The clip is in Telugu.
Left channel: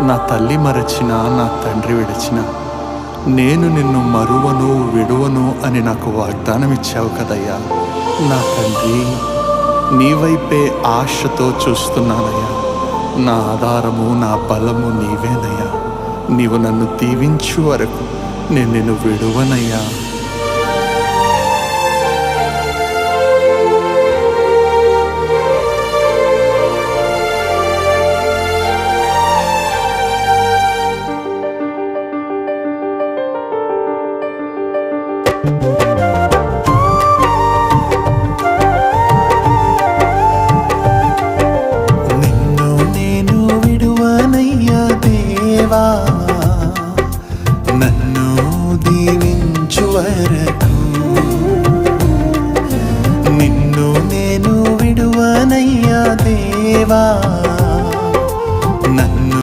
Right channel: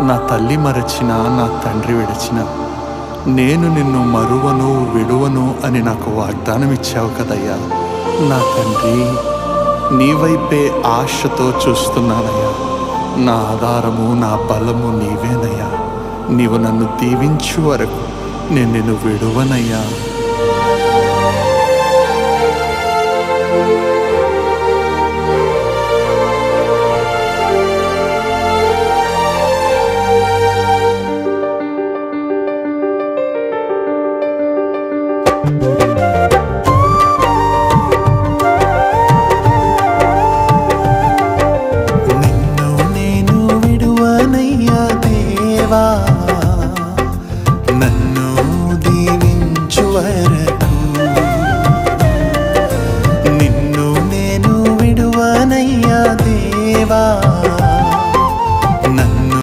నా తల్లి మరచినా, నా తండ్రి విడిచినా నేను నిన్ను మరువను విడువను అని నాకు వాగ్దానం ఇచ్చావు కదయ్యా. నా తండ్రి, నీ వైపే ఆశతో చూస్తున్నానయ్యా. నా ఆధారము, నా బలము నీవేనయ్యా. నీవు నన్ను దీవించు వరకు నేను నిన్ను విడువనయ్యా. నిన్ను నేను విడువనయ్యా దేవా, నన్ను దీవించు వరకు. నిన్ను నేను విడువనయ్యా దేవా,